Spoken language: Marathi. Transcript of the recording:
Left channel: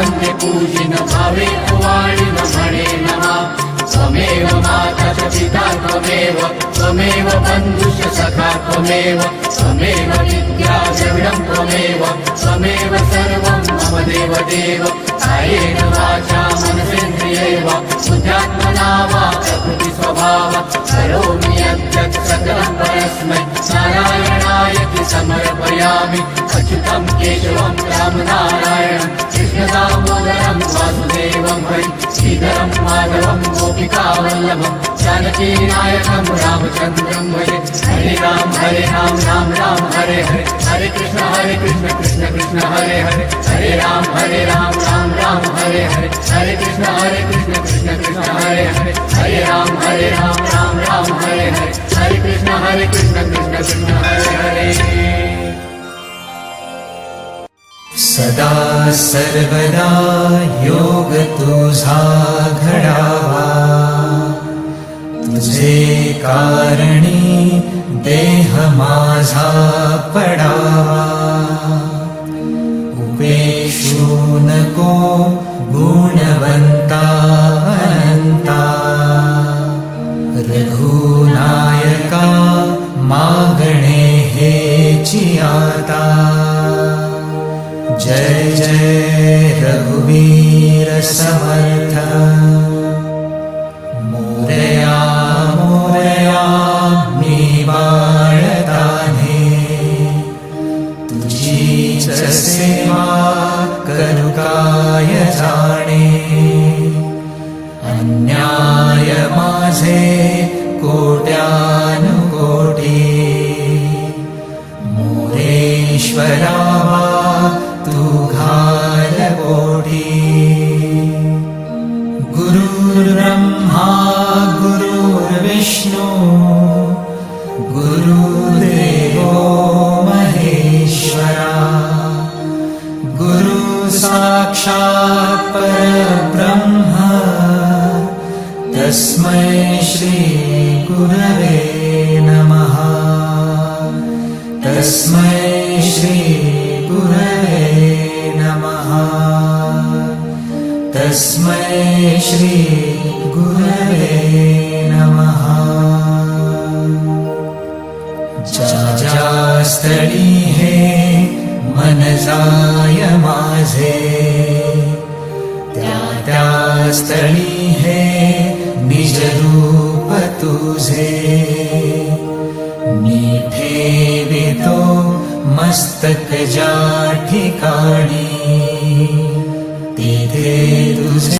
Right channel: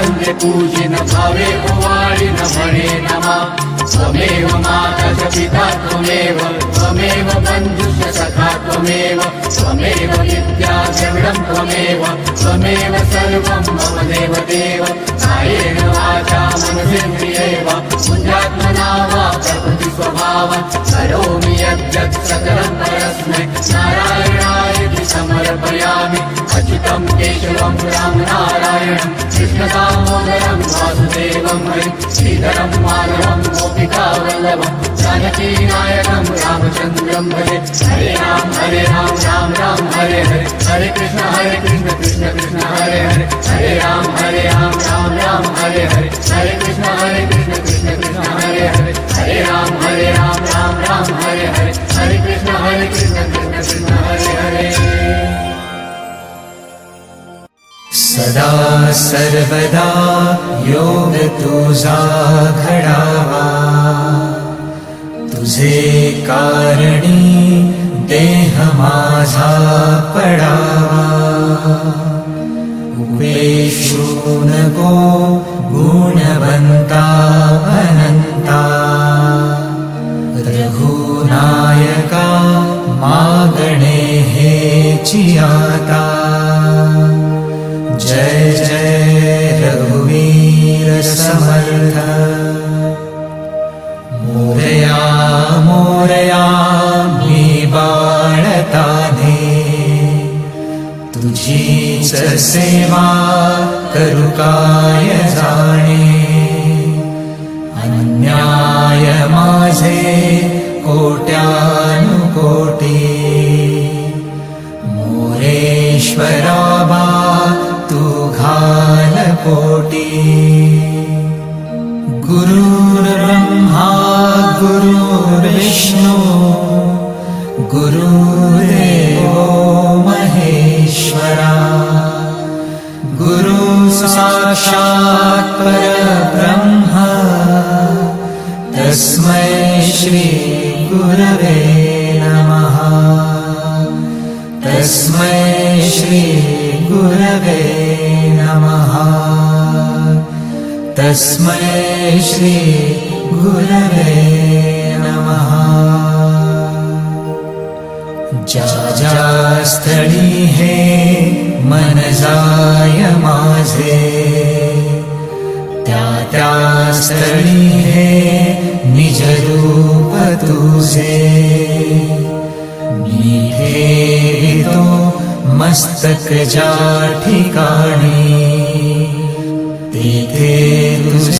वंदे पूजिन भावे वाणिन म्हणे नमा त्वमेव माता च पिता त्वमेव बन्धुश्च सखा त्वमेव विद्या द्रविडं त्वमेव सर्वं मम देवदेव कायेन वाचा मनसेन्द्रियैव बुद्ध्यात्मना वा प्रकृतिस्वभाव करोमि यद्यत् सकलं परस्मै नारायणाय समर्पयामि अच्युतं केशवं रामनारायणं कृष्णदामोदरं वासुदेवं हरिं श्रीधरं माधवं गोपिकावल्लभं जानकीनायकं रामचन्द्रं भजे हरे राम राम राम हरे हरे हरे कृष्ण कृष्ण कृष्ण हरे हरे हरे राम राम राम हरे हरे हरे कृष्ण कृष्ण कृष्ण हरे हरे हरे राम राम हरे हरे हरे कृष्ण कृष्ण कृष्ण हरे हरे सदा सर्वदा योग तुझा घडावा तुझे कारणी देह माझा पडावा उपेशू नको गुणवंता अनंता रघुनायका मागणे हेची आता जय जय रघुवीर समर्थ मोरया मोरया मी बाळताने तुझीच सेवा करू काय जाणे अन्याय माझे कोट्यानुकोटी मोरेश्वरा कोटी गुरुर्ब्रह्मा गुरुर्विष्णु गुरुर्देवो महेश्वरा गुरु साक्षात् परब्रह्म तस्मै श्री गुरवे नमः तस्मै श्री गुरवे तस्मै श्री गुरवे नमः ज्या स्थळी हे मन जाय माझे त्या स्थळी हे निज रूप तुझे मी ठेवितो मस्तक ज्या ठिकाणी तिथे तुझे